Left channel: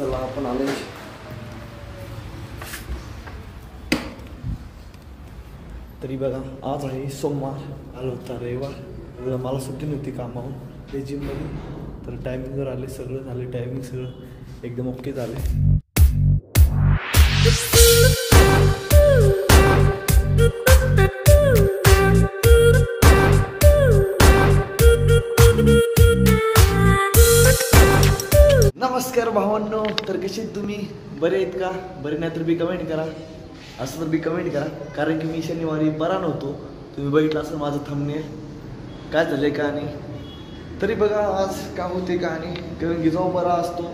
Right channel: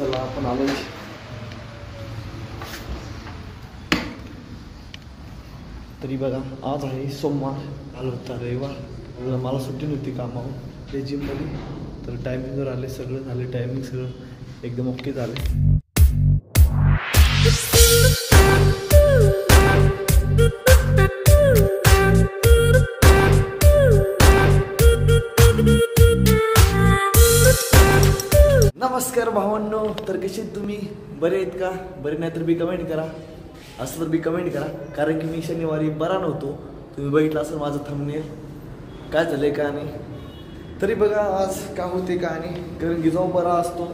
चला आपण आलो. तरी बघा आज आहे सोमवार, आलो होता रविवार. मला सुट्टी नव्हती कामाहून ते जिममध्ये. तर टायमिंगवर आले, सगळं झालं, टायमिंग सगळं एकदम ओके झाले. नमस्कार भावांनो, तर कसे तुम्ही? बरे आहेत का? बरे नाही तर बी कमेंट करा, असं तर बी कमेंट करा. कारण की मी शनिवारी बरा नव्हतो, तुम्ही बघितलं असं माझं थंबनेल. काय झालं का नाही तरी बघा आज का होते का नाही. कारण की जेव्हा बरा असतो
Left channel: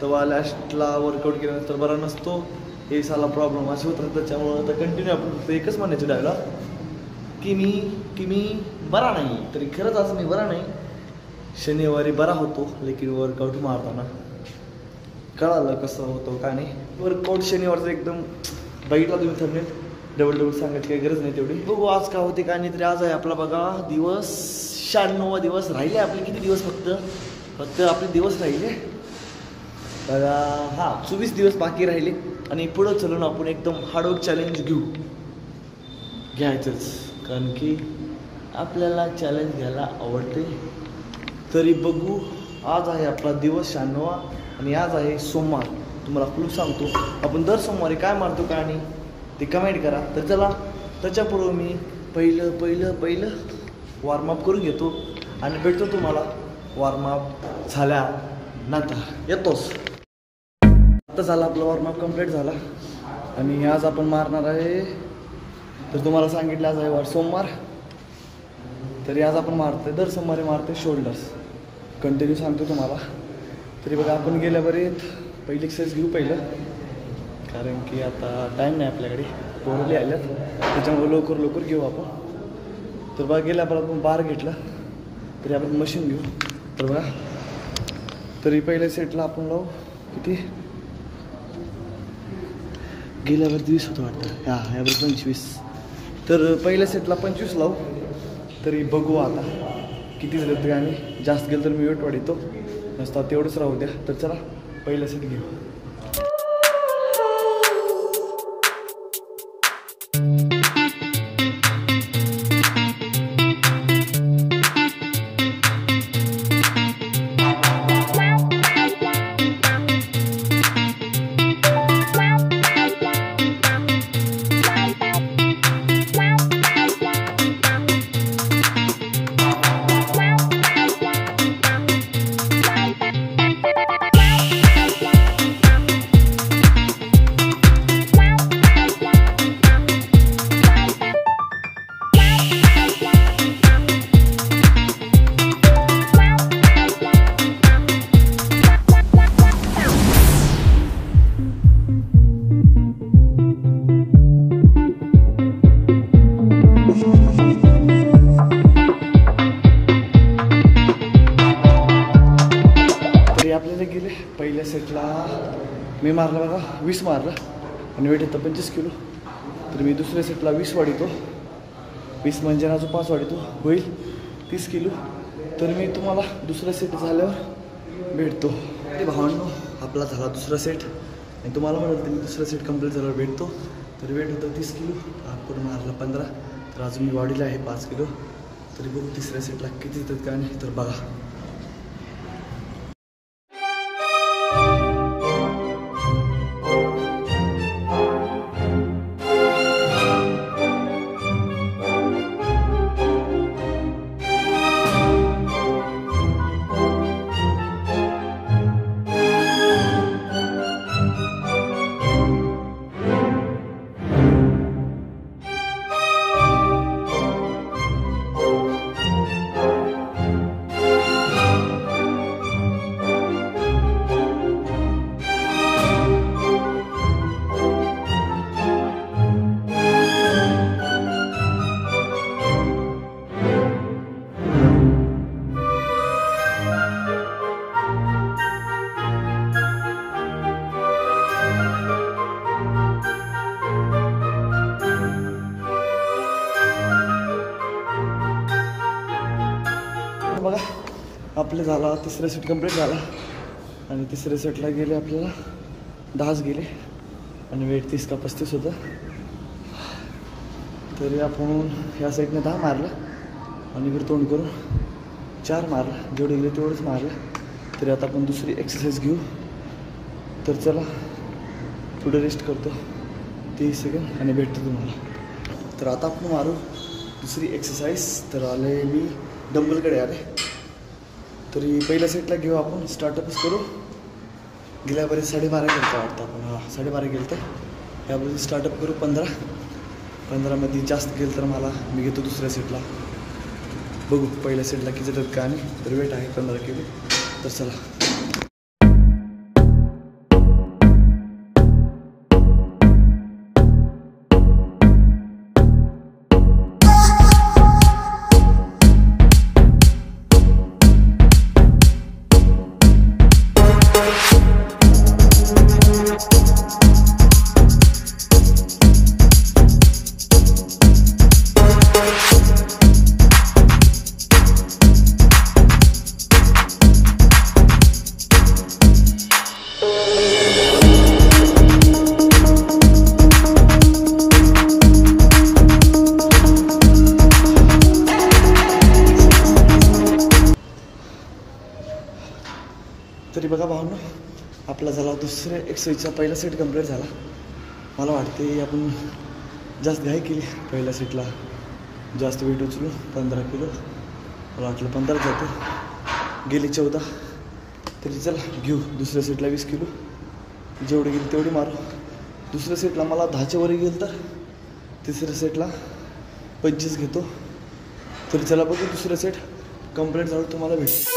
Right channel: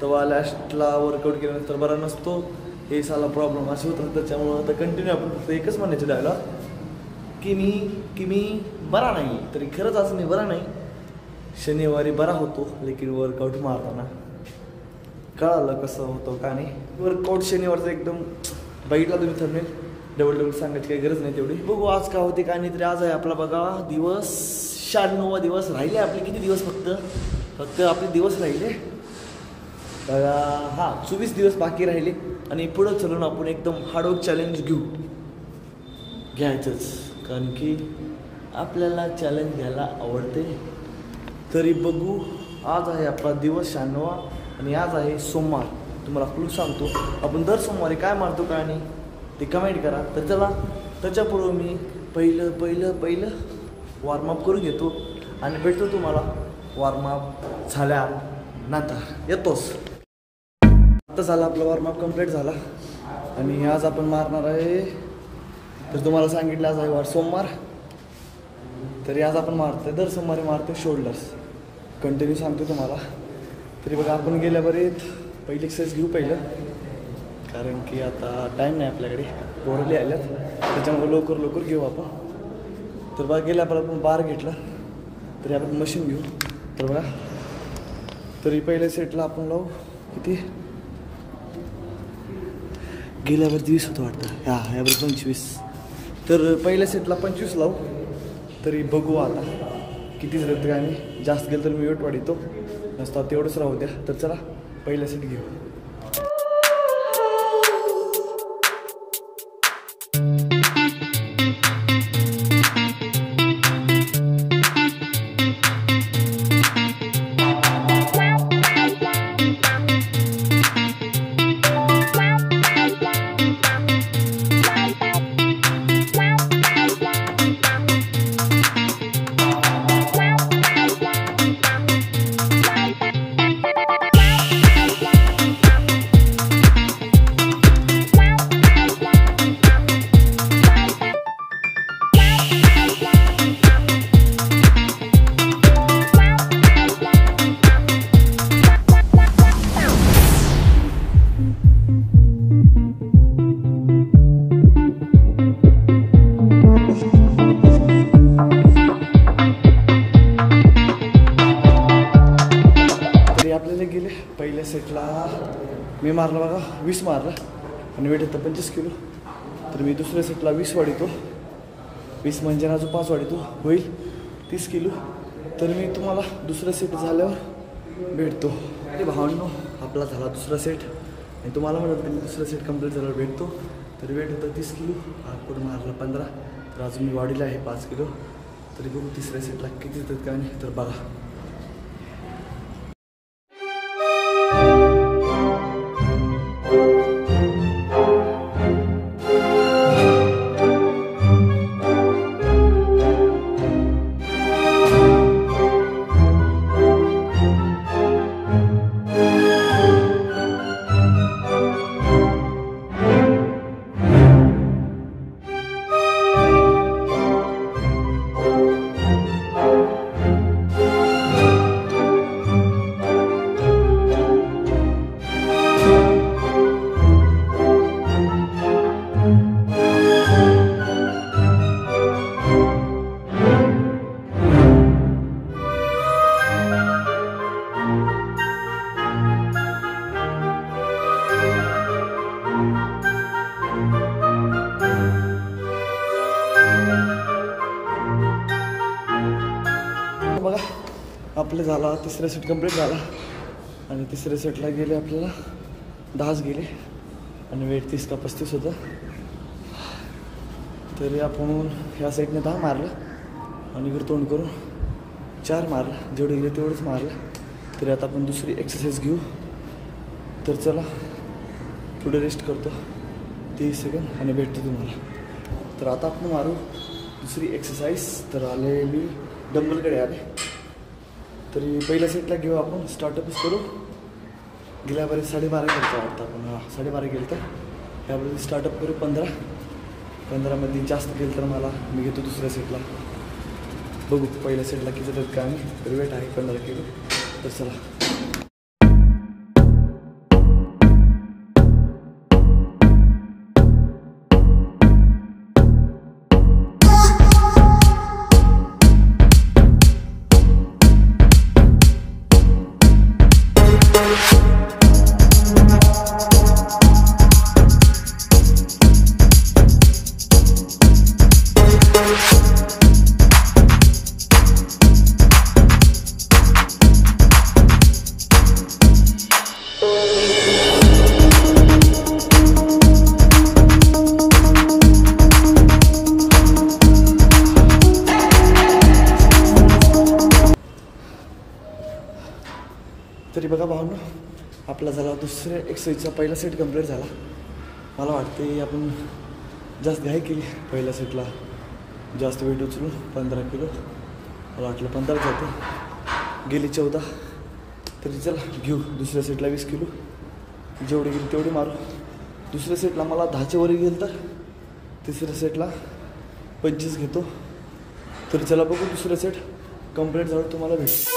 तेव्हा लास्टला वर्कआउट केल्यानंतर बरा नसतो. हे साला प्रॉब्लेम असे होत राहतात. त्याच्यामुळं आता कंटिन्यू आपण फक्त एकच म्हणायचं डायलॉग की मी बरा नाही. तरी खरंच आज मी बरा नाही. शनिवारी बरा होतो, लेकिन वर्कआउट मारताना कळालं कसं होतं का नाही. वर्कआउट शनिवारचं एकदम बघितला तुम्ही थंबनेल. डबल सांगायची काही गरज नाही तेवढी. बघू आज का होते का नाही. तरी आज आहे आपला बघा दिवस 96वा दिवस. राहिले आपले किती दिवस? फक्त आपले दिवस राहिले बघा. 24 दिवस बाकी राहिले. आणि पुढं चलून आपण एकदम हार्डवर्क चॅलेंज घ्यायचंच. कारण की आपल्याला चॅलेंज घ्यायला आवडते. तरी बघू, आज आहे आपला दिवस 96वा आणि आज आहे सोमवार. तुम्हाला क्लू सांगतो, आपण दर सोमवारी काय मारतो का आणि ते कमेंट करा. तर चला, त्याच्यापूर्वी मी पहिलं वॉर्मअप करून घेतो आणि भेटतो तुम्हाला वॉर्मअप झाल्यानंतर. येतोच. आता झाला आपला वॉर्मअप कंप्लीट झाला आणि आज आपण मारणार आहे. तर तुम्हाला सांगितलं आज आहे सोमवार. तरी आज आपण मारतोय, दर सोमवारी मारतोय शोल्डर्स. कंटिन्यू सांगतो तुम्हाला. तरी बघा आपण गेल्याबरेत पहिली एक्सरसाइज घेऊ पहिलं. कारण की आता टाईम नाही आपल्याकडे, पोरली आल्यात, त्याच्यामुळे लवकर घेऊ आपण. तर बघा गेल्यावर आपण बार घेतला. तरी आपण मशीन घेऊ. तर बघा, तरी पहिल्या सेटला आपण लावू किती? गेल्यावर 20 होतं वाटतं. यावर 25. तर पहिल्या सेटला 25 लावू. तरी बघू आता किती झालं तर काय नाही. जास्त गेलं तर मी वेट वाढवतो, नसता तेवढंच राहू द्या. तर चला पहिला सेट घेऊ. आपल्याला गेले पहिल्या सेटला मी मारलं बघा 20 मारलं आणि वेट येतं 25 किलो. तर मी दुसऱ्या सेटला 20 वाढवतो. 20 म्हणजे अजून 5 वाढवतो, होईल 30 किलो. तर मी तुम्हाला दुसरा सेट झाल्यावर भेटतो. ते भावांनो, आपला झाला दुसरा सेट आणि तुम्हाला म्हणत मी दुसरा सेट कंप्लीट झाल्यावर भेटतो. तर वेट होतं 30 किलो, आपण मारलं 15. तर अजून मी वाढीला आहे 5 किलो. तरी बघू तिसऱ्या सेटला किती येतात काय नाही. तर बघा, बघा आपलं झाला तिसरा सेट कंप्लीट झाला. आणि तिसऱ्या सेटला गेले आपल्याला 10 गेले आणि वेट 30 का 35 होतं. तरी आपण ह्या साईडने 10 मारलं आणि इकडे तोंड करून 4 मारलं. जेवढे गेले तेवढंच मारलं. तरी आता आपण दुसरी एक्सरसाइज घेऊ. तर चला पुढे रेस्ट करतो 30 सेकंद आणि भेटतो तुम्हाला. तर आता आपण मारू दुसरी एक्सरसाइज. तर आले मी डंबलकडे आले. तरी पहिल्या सेटला घेऊ आपण. स्टार्टअपच करू. गेल्या बरेच 12.5 गेलं तर वाटतं आपण. 12.5 गेलं तर ह्याबरोबर स्टार्टअप करू 15मध्ये जास्त गेलं तर मला मी घेतो दुसऱ्या सेटला. बघू पहिल्या सेटला किती जातात का. आणि तर वेट आहे 15 किलो. तर चला. तरी बघा भावनो, आपला झाला दुसऱ्या एक्सरसाइजचा पहिला सेट कंप्लीट झाला. मला वाटते आपण जास्त घाई केली. पहिल्या सेटला जास्त वेट उचलून 15 किलो. मला वाटलं 15 जाते, गेली 14. तरी चला घेऊ दुसऱ्या सेटला 20 किलो. जेवढे गेली तेवढी मारू. दुसऱ्या सेटला मला 10च्या वर गेलं तर तिसऱ्या सेटला 25 घेतो. तरी चला बघू दुसरा सेट कंप्लीट झालं तुम्हाला भेट.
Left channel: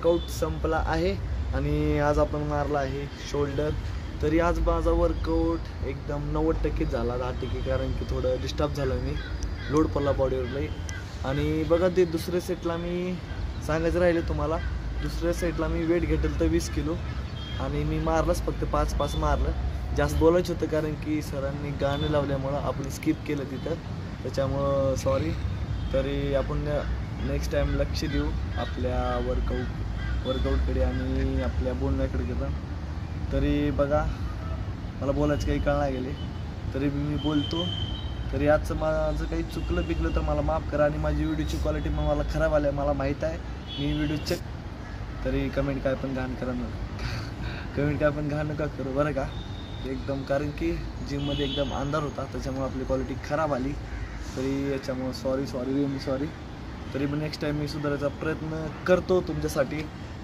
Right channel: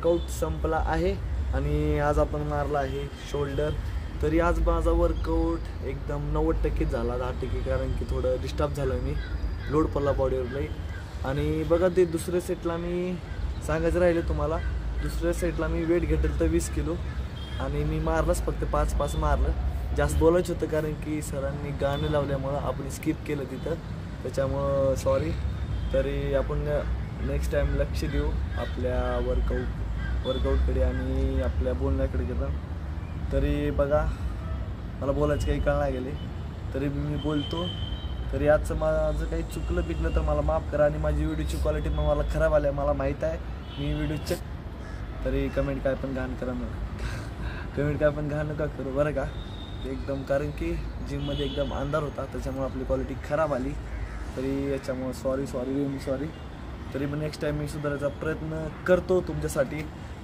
वर्कआउट संपला आहे आणि आज आपण मारला आहे शोल्डर. तरी आज माझा वर्कआउट एकदम 90% झाला, 10% कारण की थोडं डिस्टर्ब झालं, मी लोड पडला बॉडीवर लई. आणि बघा ते दुसऱ्या सेटला मी सांगायचं राहिले तुम्हाला, दुसऱ्या सेटला मी वेट घेतलं तर 20 किलो आणि मी मारलंच फक्त 5 मारलं. जास्त बोलायचं होतं कारण की सरांनी गाणं लावल्यामुळं आपण स्किप केलं तिथं, त्याच्यामुळं सॉरी. तरी आपण नेक्स्ट टाईम लक्ष देऊ आपल्या वर्कआउटकडे आणि आपल्या बोलण्याकडे पण. तरी बघा मला बोलायचं काही कळणार गेले तरी मी बोलतो. तरी आजचं माझं काही चुकलं पिकलं तर मला माफ करा आणि माझी व्हिडिओची क्वालिटी मग मला खराब आली, मला माहीत आहे. मी व्हिडिओ चेक तरी कमेंट काय पण घाण करा नका करू बरं का एकदम, कारण की जिममध्ये एकदम अंधार होता त्याच्यामुळे आपली क्वालिटी खराब आली. तरी याच्यामुळं सॉरी. तरी पण नेक्स्ट टाईम मी सुधारायचा प्रयत्न करतो तुमच्यासाठी.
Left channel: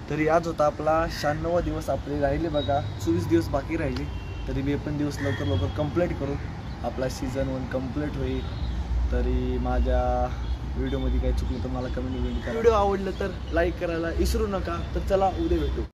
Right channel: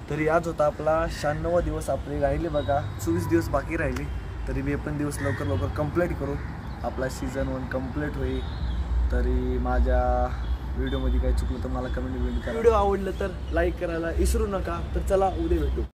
तरी आज होता आपला 96वा दिवस, आपले राहिले बघा 24 दिवस बाकी राहिले. तरी मी पण दिवस लवकर कंप्लीट करू, आपला सीझन 1 कंप्लीट होईल. तरी माझ्या व्हिडिओमध्ये काही चुकलं तर मला कमेंट करा. व्हिडिओ आवडलं तर लाईक करायला विसरू नका. तर चला उद्या भेटू.